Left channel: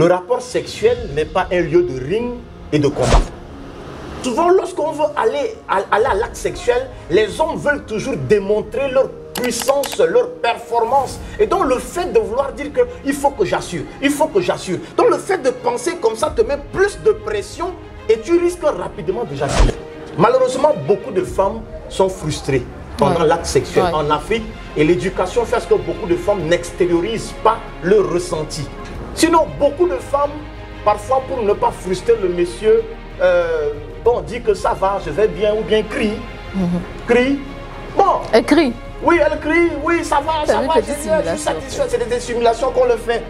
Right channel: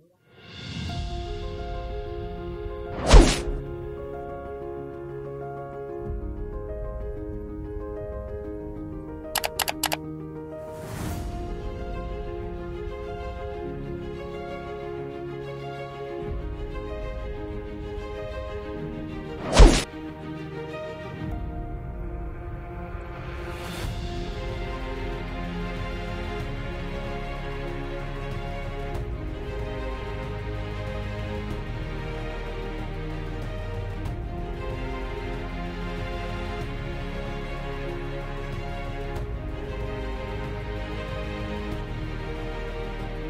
Le rapport sexuel n'est pas un lieu de ring et de combat. Souvent, lorsqu'on veut aller à l'acte sexuel, les hommes veulent toujours démontrer leur puissance, leur performance. Et donc, le fait de vouloir dire qu'il faut que j'assure, il faut que j'assure. Donc, le fait de penser comme ça te met plus de pression et tu risques rapidement de j'assure. Malheureusement, beaucoup de femmes sont frustrées pendant l'acte sexuel en Afrique. Et l'éducation fait que beaucoup de femmes n'extériorisent pas leur ressenti. Sinon, beaucoup de femmes, parfois pour ne pas frustrer le monsieur, dit que ça va, je vais bien, ou bien crie. Crie. Bon. Elle crie. Oui, elle crie, oui, ça va, je suis satisfaite. C'est des simulations qu'on le fait.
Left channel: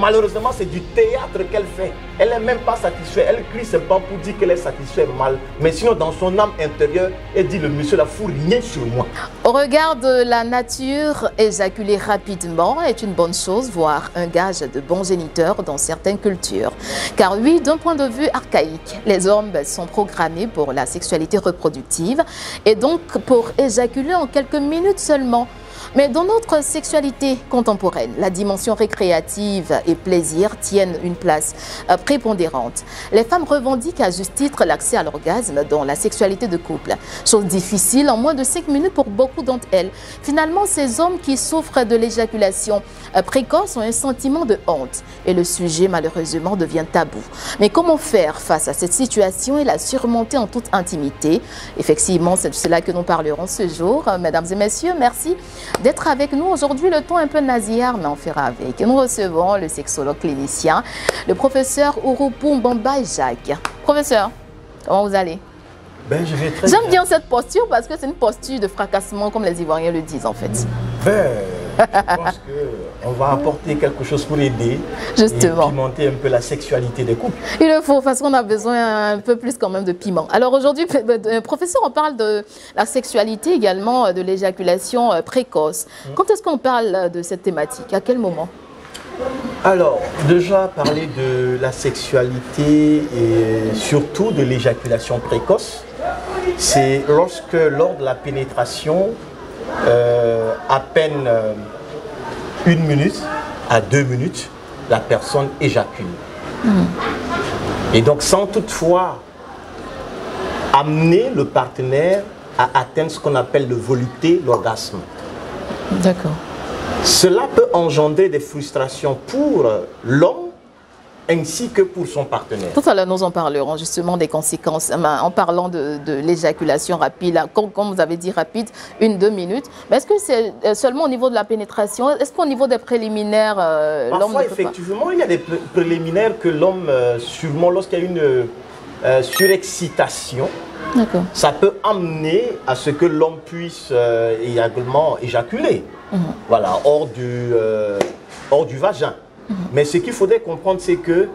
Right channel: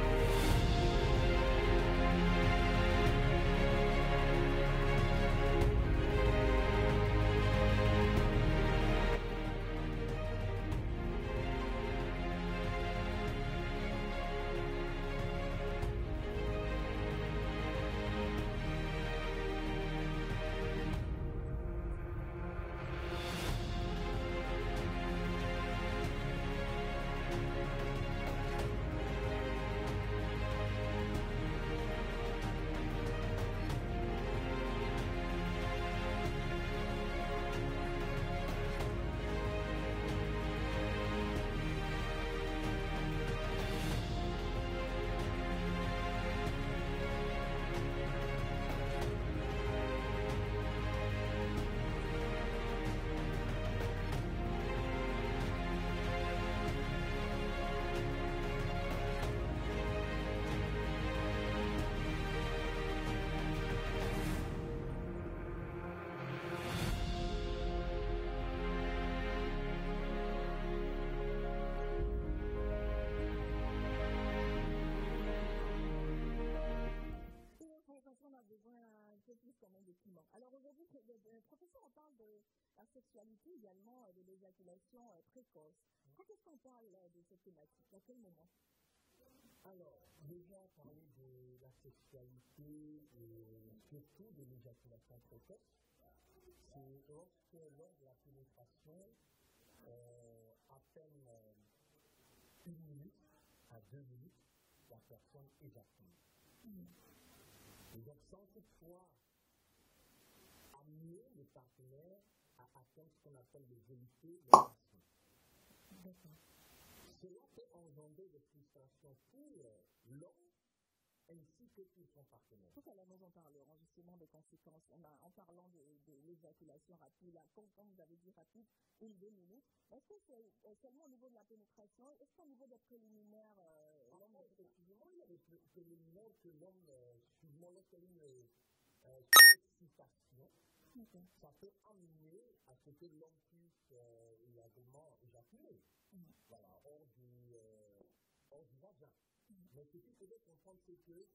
Malheureusement, c'est du théâtre qu'elle fait. Elle n'est même pas satisfaite. Elle crie, c'est pas pour dire qu'elle est satisfaite mal. Mais sinon, dans son âme intérieure, elle dit, le monsieur la fout rien sur moi. Au regard de la nature, éjaculer rapidement est une bonne chose, voire un gage de bon géniteur dans certaines cultures. Car oui, d'un point de vue archaïque, les hommes sont programmés pour la sexualité reproductive et donc pour éjaculer en quelques minutes seulement. Mais dans notre sexualité contemporaine, la dimension récréative et plaisir tiennent une place prépondérante. Les femmes revendiquent à juste titre l'accès à l'orgasme dans la sexualité de couple. Chose difficile en moins de 5 minutes pour beaucoup d'entre elles. Finalement, ces hommes qui souffrent de l'éjaculation précoce ont un sentiment de honte. Et le sujet, malheureusement, devient tabou. Mais comment faire face à cette situation et la surmonter en toute intimité? Effectivement, c'est de cela que nous parlerons ce jour. Mesdames et messieurs, merci d'être avec nous. Aujourd'hui, le ton un peu nasillard, mais on fera avec. Nous recevons le sexologue clinicien, le professeur Ouroupou Mbamba Jacques. Professeur, comment vous allez? Ben, je vais très bien. J'aime bien cette posture parce que c'est une posture de fracassement, comme les Ivoiriens le disent en fait. Ben, je pense qu'on va apporter quelque chose pour aider. Justement. Et pimenter un peu la sexualité des couples. Il le faut, parce qu'on a besoin un peu plus quand même de piment. Alors aujourd'hui, professeur, on parle de la sexualité également, de l'éjaculation précoce. Quand est-ce qu'on parle de cette thématique? À quel moment? Alors, déjà parler de la sexualité et surtout de l'éjaculation précoce, c'est lorsque lors de la pénétration, à peine 1 minute à 2 minutes, la personne éjacule. Et donc sans toutefois amener le partenaire à atteindre ce qu'on appelle le volupté, l'orgasme. D'accord. Cela peut engendrer des frustrations pour l'homme ainsi que pour son partenaire. Tout à l'heure, nous en parlerons justement des conséquences en parlant de l'éjaculation rapide. Comme vous avez dit, rapide, 1-2 minutes. Mais est-ce que c'est seulement au niveau de la pénétration? Est-ce qu'au niveau des préliminaires, l'homme parfois, effectivement, il y a des préliminaires que l'homme, sûrement lorsqu'il y a une surexcitation, ça peut amener à ce que l'homme puisse également éjaculer. Voilà, hors du vagin. Mais ce qu'il faudrait comprendre, c'est qu'il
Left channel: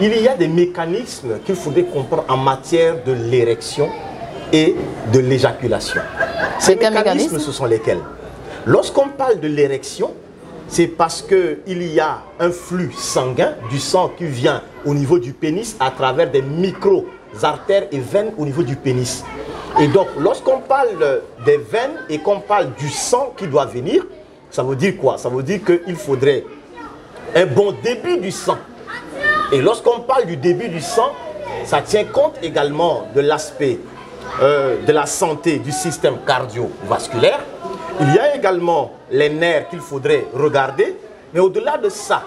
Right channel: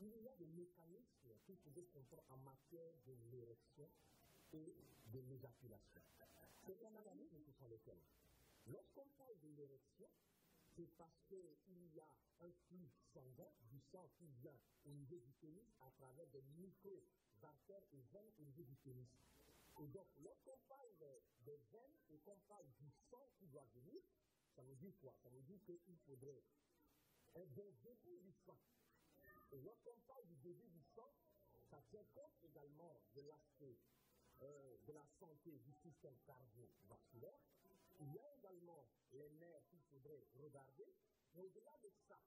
y a des mécanismes qu'il faudrait comprendre en matière de l'érection et de l'éjaculation. Ces mécanismes, ce sont lesquels? Lorsqu'on parle de l'érection, c'est parce qu'il y a un flux sanguin, du sang qui vient au niveau du pénis à travers des micro-artères et veines au niveau du pénis. Et donc, lorsqu'on parle des veines et qu'on parle du sang qui doit venir, ça veut dire quoi? Ça veut dire qu'il faudrait un bon débit du sang. Et lorsqu'on parle du débit du sang, ça tient compte également de l'aspect de la santé du système cardiovasculaire. Il y a également les nerfs qu'il faudrait regarder. Mais au-delà de ça,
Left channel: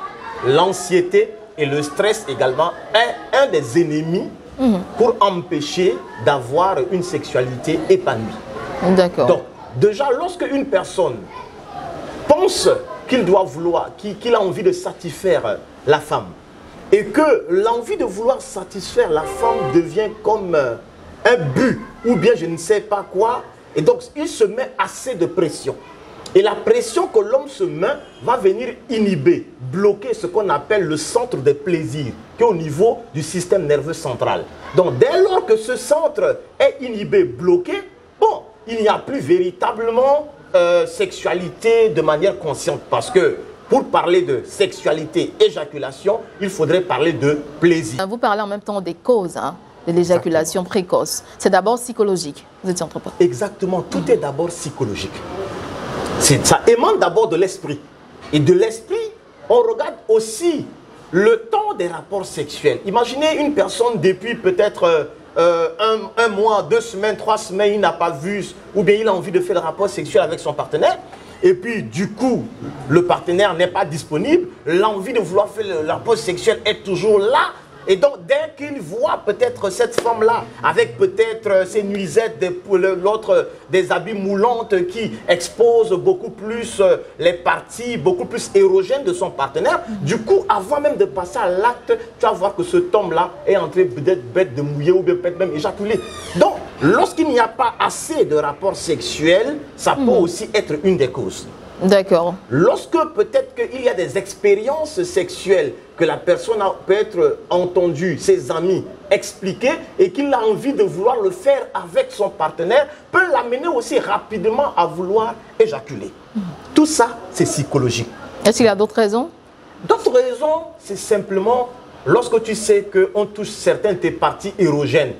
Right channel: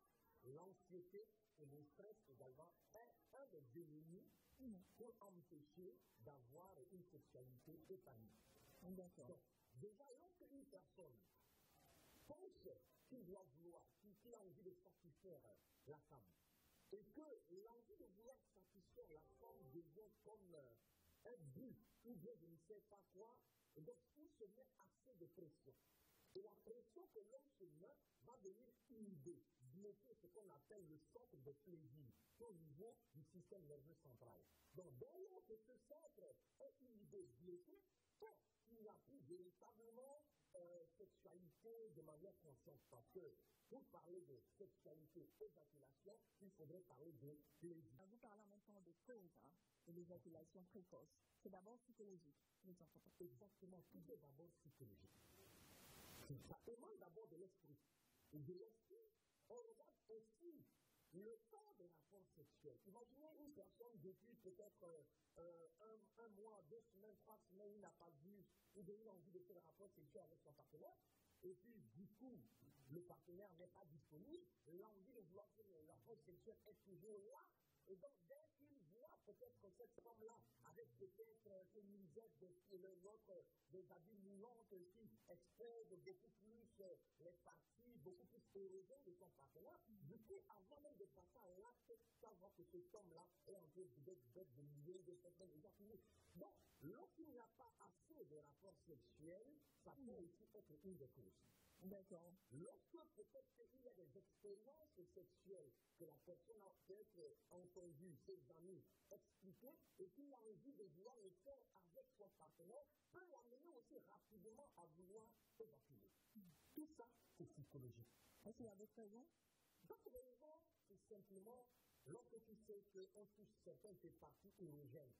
l'anxiété et le stress également est un des ennemis pour empêcher d'avoir une sexualité épanouie. D'accord. Donc, déjà, lorsque une personne pense qu'il doit vouloir, qu'il a envie de satisfaire la femme, et que l'envie de vouloir satisfaire la femme devient comme un but, ou bien je ne sais pas quoi, et donc il se met assez de pression. Et la pression que l'homme se met va venir inhiber, bloquer ce qu'on appelle le centre des plaisirs, qui est au niveau du système nerveux central. Donc dès lors que ce centre est inhibé, bloqué, bon, il n'y a plus véritablement sexualité de manière consciente. Parce que pour parler de sexualité, éjaculation, il faudrait parler de plaisir. Vous parlez en même temps des causes de l'éjaculation précoce. C'est d'abord psychologique. Vous étiez entre pas. Exactement, tout est d'abord psychologique. Ça émane d'abord de l'esprit. Et de l'esprit, on regarde aussi le temps des rapports sexuels. Imaginez une personne depuis peut-être un mois, 2 semaines, 3 semaines, il n'a pas vu, ou bien il a envie de faire le rapport sexuel avec son partenaire. Et puis, du coup, le partenaire n'est pas disponible. L'envie de vouloir faire le rapport sexuel est toujours là. Et donc, dès qu'il voit peut-être cette femme-là, avec peut-être ses nuisettes, l'autre des habits moulantes qui exposent beaucoup plus les parties, beaucoup plus érogènes de son partenaire, du coup, avant même de passer à l'acte, tu vas voir que cet homme-là est en train d'être bête de mouiller ou peut-être même éjaculer. Donc, lorsqu'il n'y a pas assez de rapports sexuels, ça peut aussi être une des causes. D'accord. Lorsque peut-être qu'il y a des expériences sexuelles que la personne a peut-être entendu, ses amis expliquer et qu'il a envie de vouloir le faire avec son partenaire, peut l'amener aussi rapidement à vouloir éjaculer. Tout ça, c'est psychologique. Est-ce qu'il y a d'autres raisons? D'autres raisons, c'est simplement lorsque tu sais qu'on touche certaines de tes parties érogènes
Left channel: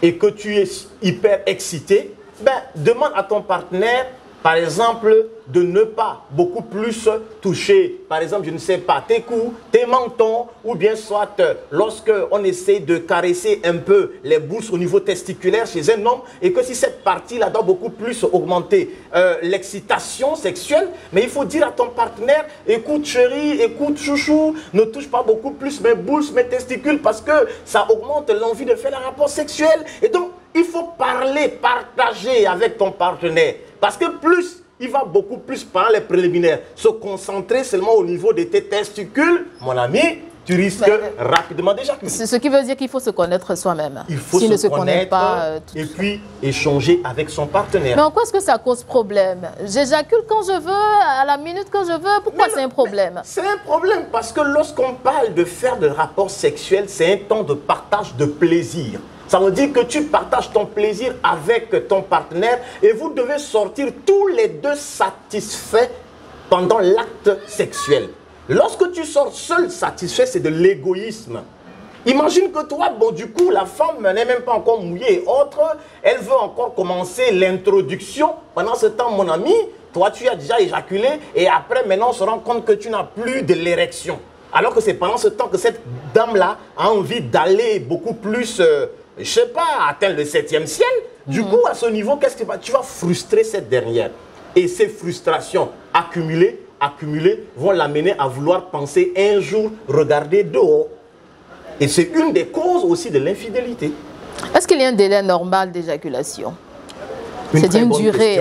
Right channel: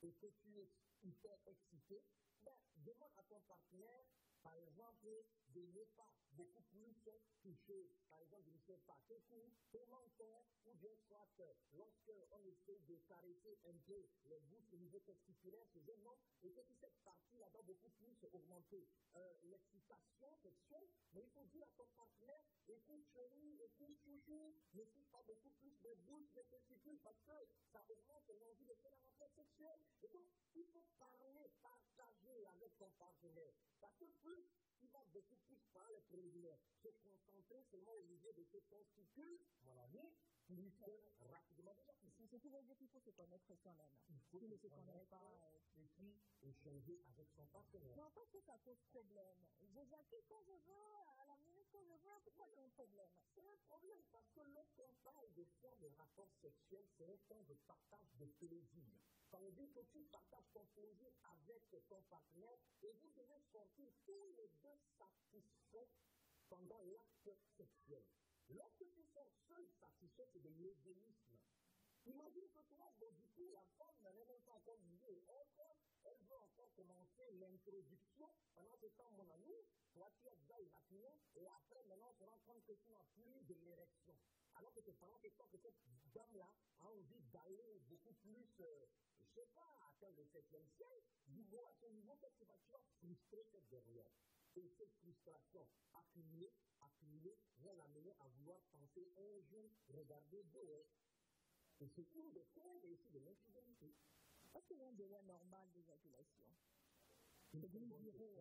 et que tu es hyper excité, ben, demande à ton partenaire, par exemple, de ne pas beaucoup plus toucher, par exemple, je ne sais pas, tes coups, tes mentons, ou bien soit lorsqu'on essaie de caresser un peu les bourses au niveau testiculaire chez un homme, et que si cette partie-là doit beaucoup plus augmenter l'excitation sexuelle, mais il faut dire à ton partenaire, écoute chérie, écoute chouchou, ne touche pas beaucoup plus mes bourses, mes testicules, parce que ça augmente l'envie de faire un rapport sexuel. Et donc, il faut parler, partager avec ton partenaire. Parce que plus, il va beaucoup plus par les préliminaires. Se concentrer seulement au niveau de tes testicules, mon ami, tu risques rapidement d'éjaculer. Ce qui veut dire qu'il faut se connaître soi-même. Il faut se connaître et puis échanger avec son partenaire. Mais en quoi est-ce que ça cause problème? J'éjacule quand je veux, à la minute quand je veux. Pourquoi c'est un problème? C'est un problème parce que lorsqu'on parle de faire des rapports sexuels, c'est un temps de partage de plaisir. Ça veut dire que tu partages ton plaisir avec ton partenaire et vous devez sortir tous les deux satisfaits pendant l'acte sexuel. Lorsque tu sors seul satisfait, c'est de l'égoïsme. Imagine que toi, bon, du coup, la femme n'est même pas encore mouillée et autre, elle veut encore commencer l'introduction. Pendant ce temps, mon ami, toi, tu as déjà éjaculé et après, maintenant, on se rend compte que tu n'as plus de l'érection. Alors que c'est pendant ce temps que cette dame-là a envie d'aller beaucoup plus... je ne sais pas, atteindre le 7e ciel. Du coup, à ce niveau, qu'est-ce que tu vas frustrer cette dernière. Et ces frustrations accumulées vont l'amener à vouloir penser un jour regarder dehors. Et c'est une des causes aussi de l'infidélité. Est-ce qu'il y a un délai normal d'éjaculation? C'est une durée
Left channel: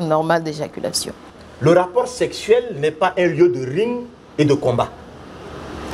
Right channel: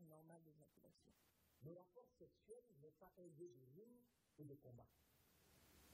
normale d'éjaculation. Le rapport sexuel n'est pas un lieu de ring et de combat.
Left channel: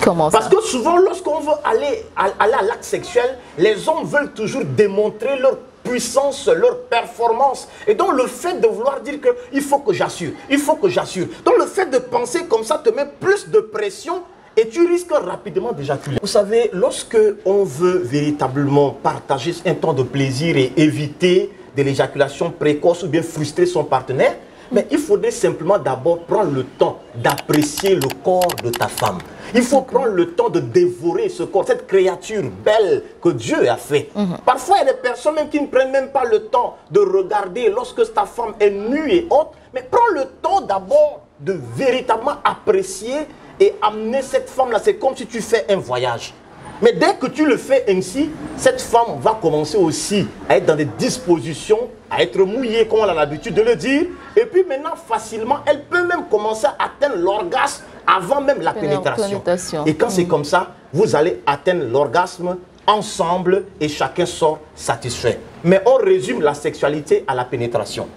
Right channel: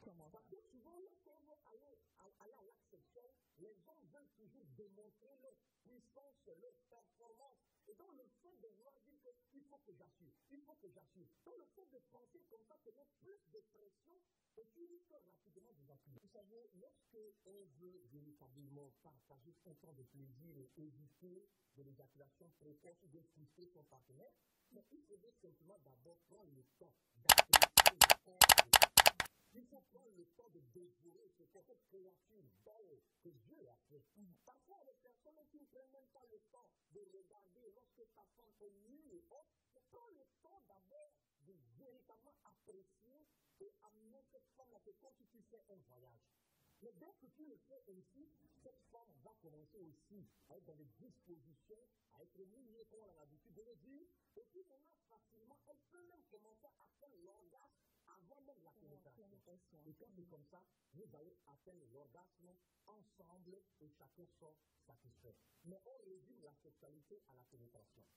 Comment ça? Parce que souvent, lorsqu'on veut aller à l'acte sexuel, les hommes veulent toujours démontrer leur puissance, leur performance. Et donc, le fait de vouloir dire qu'il faut que j'assure, il faut que j'assure. Donc, le fait de penser comme ça te met plus de pression et tu risques rapidement d'éjaculer. Vous savez, lorsque on veut véritablement partager un temps de plaisir et éviter de l'éjaculation précoce ou bien frustrer son partenaire, mais il faudrait simplement d'abord prendre le temps d'apprécier le corps de ta femme. Il faut prendre le temps de dévorer ce corps, cette créature belle que Dieu a fait. Parfois, il y a des personnes même qui ne prennent même pas le temps de regarder lorsque ta femme est nue et autre. Mais prends le temps d'abord de véritablement apprécier et amener cette femme-là. C'est comme si tu fais un voyage. Mais dès que tu le fais ainsi, cette femme va commencer aussi à être dans des dispositions, à être mouillée, comme on a l'habitude de le dire. Et puis maintenant, facilement, elle peut même commencer à atteindre l'orgasme avant même la pénétration. Et quand c'est comme ça, vous allez atteindre l'orgasme ensemble et chacun sort satisfait. Mais on résume la sexualité à la pénétration.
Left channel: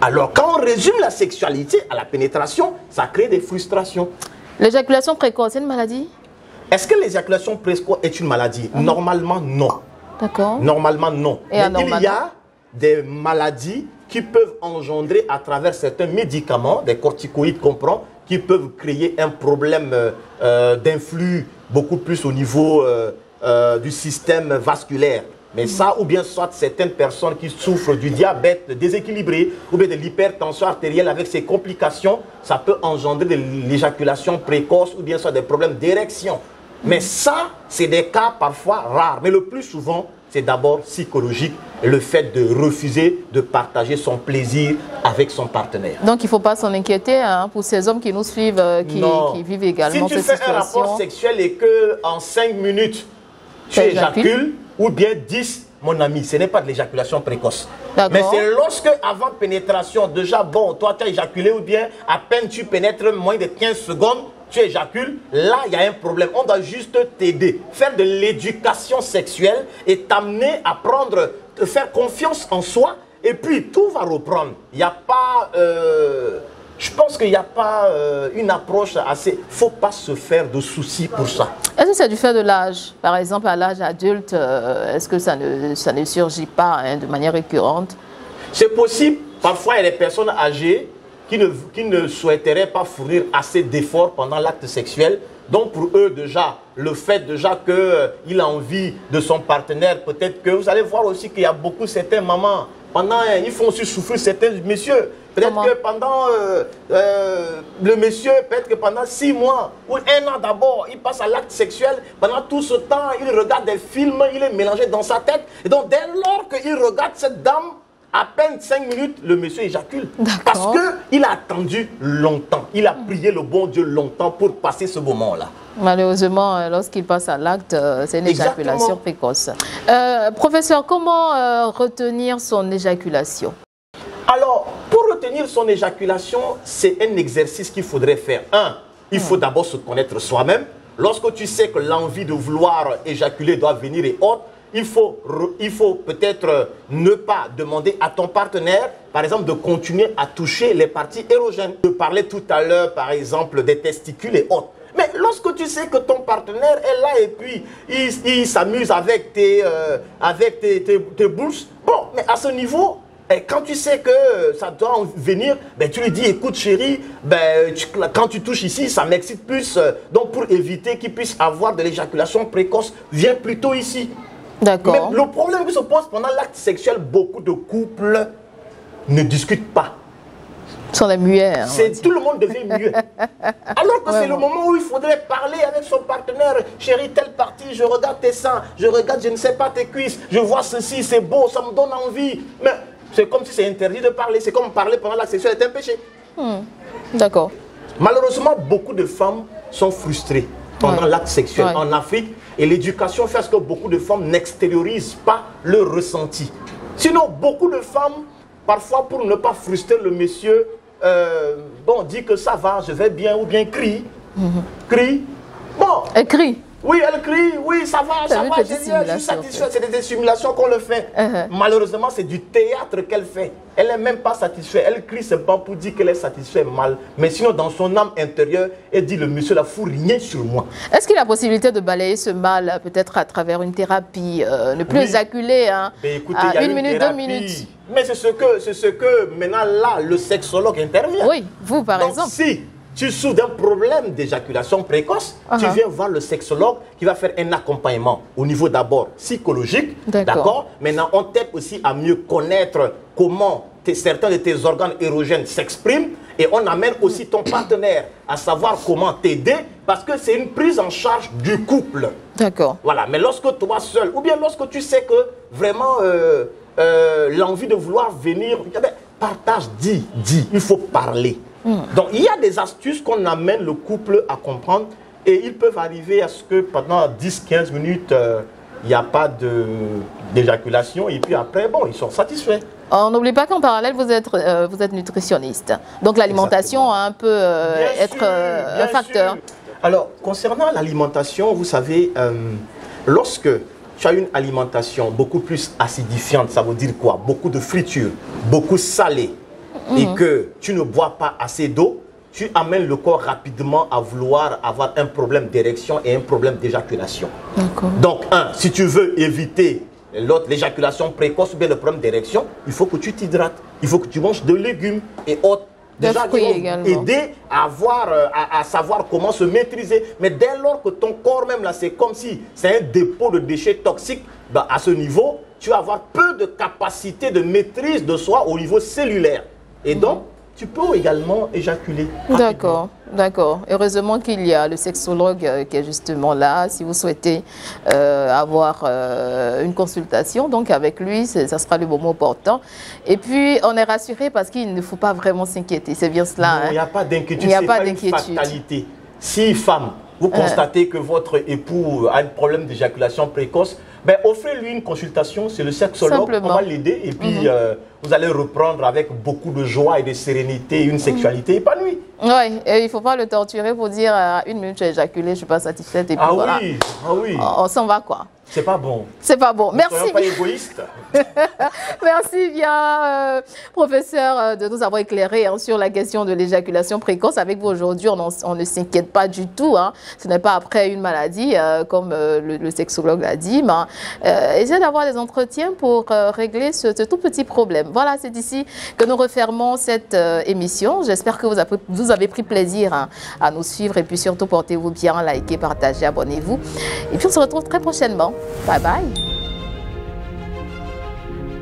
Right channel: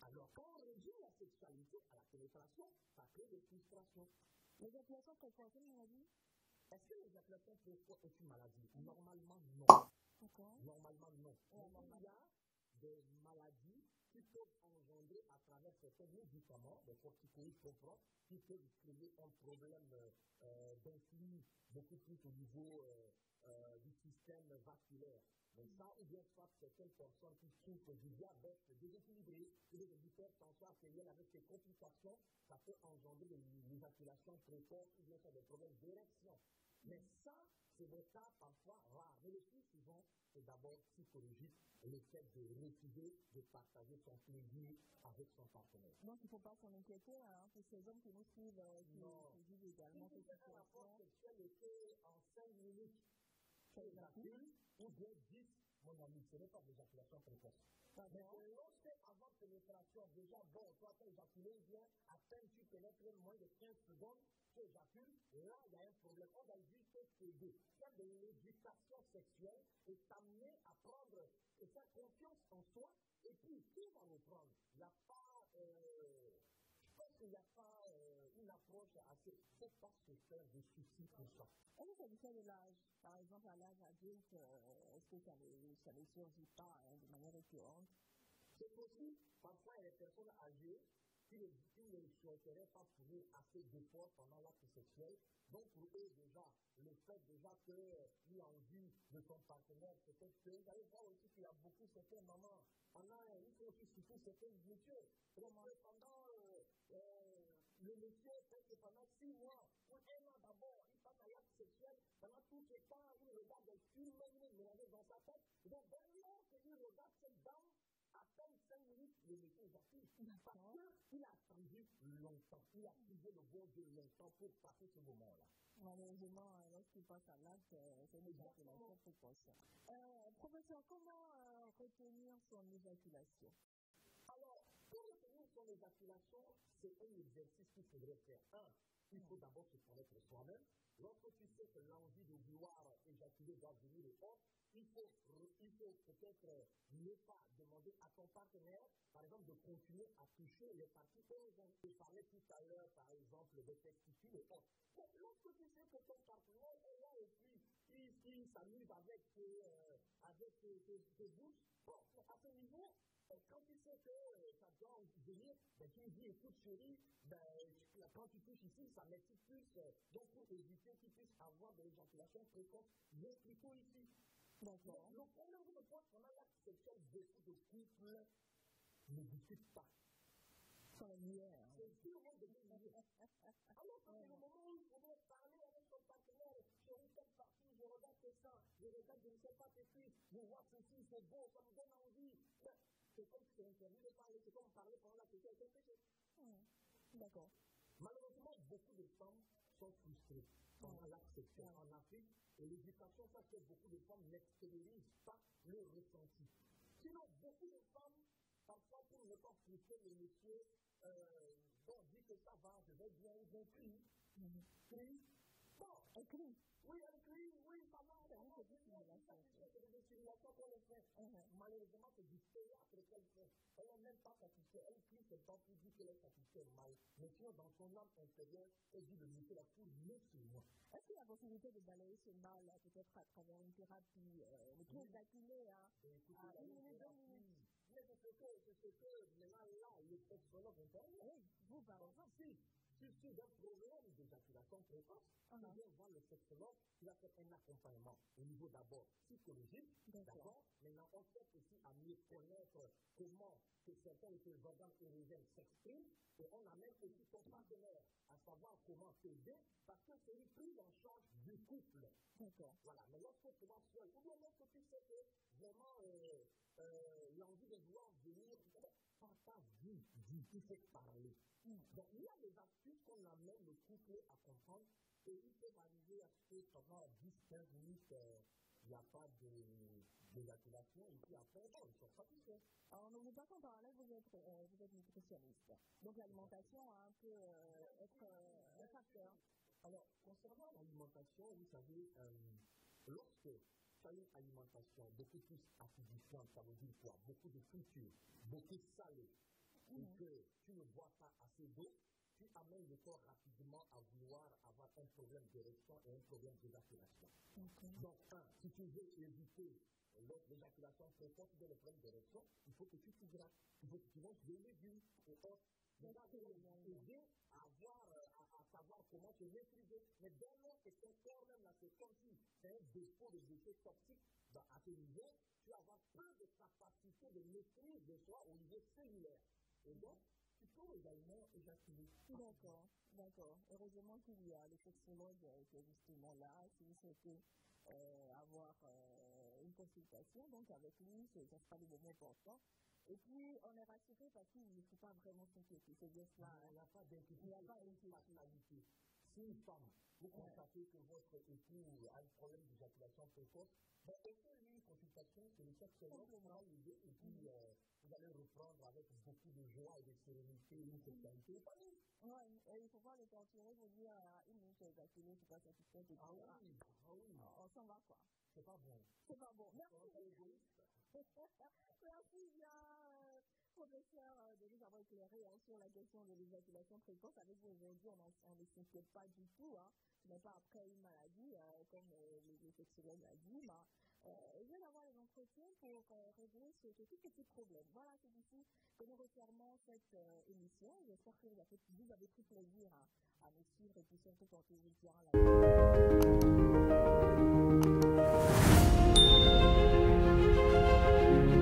Alors, quand on résume la sexualité à la pénétration, ça crée des frustrations. L'éjaculation précoce, c'est une maladie? Est-ce que l'éjaculation précoce est une maladie? Normalement, non. D'accord. Normalement, non. Mais il y a des maladies qui peuvent engendrer à travers certains médicaments, des corticoïdes qu'on prend, qui peuvent créer un problème d'influx beaucoup plus au niveau du système vasculaire. Mais ça, ou bien soit certaines personnes qui souffrent du diabète déséquilibré, ou bien de l'hypertension artérielle avec ses complications, ça peut engendrer de l'éjaculation précoce, ou bien soit des problèmes d'érection. Mais ça, c'est des cas parfois rares. Mais le plus souvent, c'est d'abord psychologique, le fait de refuser de partager son plaisir avec son partenaire. Donc il ne faut pas s'en inquiéter hein, pour ces hommes qui nous suivent, qui vivent également cette situation. Si tu fais un rapport sexuel et qu'en 5 minutes, tu éjacules, ou bien 10, mon ami, ce n'est pas de l'éjaculation précoce. Mais c'est lorsque, avant pénétration, déjà, bon, toi tu as éjaculé, ou bien à peine tu pénètres moins de 15 secondes, tu éjacules, là il y a un problème. On doit juste t'aider, faire de l'éducation sexuelle et t'amener à prendre, te faire confiance en soi, et puis tout va reprendre. Il n'y a pas, je pense qu'il n'y a pas une approche assez, il ne faut pas se faire de soucis pour ça. Est-ce que c'est du fait de l'âge? Par exemple, à l'âge adulte, est-ce que ça ne surgit pas hein, de manière récurrente? C'est possible. Parfois, il y a des personnes âgées qui ne souhaiteraient pas fournir assez d'efforts pendant l'acte sexuel. Donc pour eux déjà, le fait déjà qu'il a envie de son partenaire, peut-être que vous allez voir aussi qu'il y a beaucoup certaines mamans, ils font aussi souffrir certains messieurs. Peut-être que pendant le monsieur, peut-être que pendant 6 mois ou 1 an d'abord, il passe à l'acte sexuel. Pendant tout ce temps, il regarde des films, il est mélangé dans sa tête. Et donc dès lors qu'il regarde cette dame, à peine 5 minutes, le monsieur éjacule. Parce qu'il a attendu longtemps. Il a prié le bon Dieu longtemps pour passer ce moment-là. Malheureusement, lorsqu'il passe à l'acte, c'est une éjaculation précoce. Professeur, comment retenir son éjaculation? Alors, pour retenir son éjaculation, c'est un exercice qu'il faudrait faire. Il faut d'abord se connaître soi-même. Lorsque tu sais que l'envie de vouloir éjaculer doit venir et autres, il faut peut-être ne pas demander à ton partenaire, par exemple, de continuer à toucher les parties érogènes. Je parlais tout à l'heure, par exemple, des testicules et autres. Mais lorsque tu sais que ton partenaire est là et puis il s'amuse avec tes bourses, bon, mais à ce niveau, quand tu sais que ça doit en venir, ben, tu lui dis, écoute chérie, ben, quand tu touches ici, ça m'excite plus. Donc pour éviter qu'il puisse avoir de l'éjaculation précoce, viens plutôt ici. D'accord. Mais le problème qui se pose pendant l'acte sexuel, beaucoup de couples ne discutent pas. Ils sont des muets. Hein, tout le monde devient muet. Alors que c'est le moment où il faudrait parler avec son partenaire. Chérie, telle partie, je regarde tes seins, je regarde, je ne sais pas, tes cuisses, je vois ceci, c'est beau, ça me donne envie. Mais c'est comme si c'est interdit de parler. C'est comme parler pendant l'acte sexuel est un péché. D'accord. Malheureusement, beaucoup de femmes sont frustrées pendant l'acte sexuel en Afrique. Et l'éducation fait que beaucoup de femmes n'extériorisent pas le ressenti. Sinon, beaucoup de femmes, parfois pour ne pas frustrer le monsieur, dit que ça va, je vais bien, ou bien crie. Crie. Bon. Elle crie. Oui, elle crie, oui, ça va, je suis satisfait. C'est des simulations qu'on le fait. Malheureusement, c'est du théâtre qu'elle fait. Elle n'est même pas satisfaite. Elle crie seulement pour dire qu'elle est satisfaite mal. Mais sinon, dans son âme intérieure, elle dit, le monsieur là fout rien sur moi. Est-ce qu'il y a la possibilité de balayer ce mal, peut-être à travers une thérapie, ne plus éjaculer écoutez, à 1 minute, 2 minutes? Mais c'est ce que maintenant là, le sexologue intervient. Oui, vous par exemple. Si tu souffres d'un problème d'éjaculation précoce, tu viens voir le sexologue qui va faire un accompagnement au niveau d'abord psychologique, d'accord? Maintenant, on t'aide aussi à mieux connaître comment certains de tes organes érogènes s'expriment et on amène aussi ton partenaire à savoir comment t'aider parce que c'est une prise en charge du couple. D'accord. Voilà, mais lorsque toi seul, ou bien lorsque tu sais que vraiment l'envie de vouloir venir, partage, dis, il faut parler. Donc, il y a des astuces qu'on amène le couple à comprendre et ils peuvent arriver à ce que pendant 10-15 minutes, il n'y a pas d'éjaculation et puis après, bon, ils sont satisfaits. On n'oublie pas qu'en parallèle, vous êtes nutritionniste. Donc, l'alimentation a un peu être un facteur. Sûr. Alors, concernant l'alimentation, vous savez, lorsque tu as une alimentation beaucoup plus acidifiante, ça veut dire quoi? Beaucoup de friture, beaucoup salé. Et que tu ne bois pas assez d'eau, tu amènes le corps rapidement à vouloir avoir un problème d'érection et un problème d'éjaculation. Donc, si tu veux éviter l'éjaculation précoce ou bien le problème d'érection, il faut que tu t'hydrates. Il faut que tu manges de légumes et autres. Déjà, qui vont aider à savoir comment se maîtriser. Mais dès lors que ton corps même, là, c'est comme si c'est un dépôt de déchets toxiques, ben, à ce niveau, tu vas avoir peu de capacité de maîtrise de soi au niveau cellulaire. Et donc, tu peux également éjaculer. D'accord, d'accord. Heureusement qu'il y a le sexologue qui est justement là. Si vous souhaitez avoir une consultation, donc avec lui, ça sera le moment opportun. Et puis, on est rassuré parce qu'il ne faut pas vraiment s'inquiéter. C'est bien cela. Non, il n'y a pas d'inquiétude. Il n'y a pas d'inquiétude. Fatalité. Si femme, vous constatez que votre époux a un problème d'éjaculation précoce, ben, offrez-lui une consultation, c'est le sexologue, on va l'aider et puis vous allez reprendre avec beaucoup de joie et de sérénité une sexualité épanouie. Oui, et il ne faut pas le torturer pour dire une minute j'ai éjaculé, je ne suis pas satisfaite et puis voilà. Oui, ah oui. On s'en va quoi. C'est pas bon. C'est pas bon. Merci. Ne soyons pas égoïstes. Merci bien, professeur, de nous avoir éclairé sur la question de l'éjaculation précoce. Avec vous aujourd'hui, on ne s'inquiète pas du tout. Hein. Ce n'est pas après une maladie, comme le sexologue l'a dit. Mais essayez d'avoir des entretiens pour régler ce tout petit problème. Voilà, c'est ici que nous refermons cette émission. J'espère que vous avez pris plaisir à nous suivre. Et puis surtout, portez-vous bien, likez, partagez, abonnez-vous. Et puis on se retrouve très prochainement. Bye bye.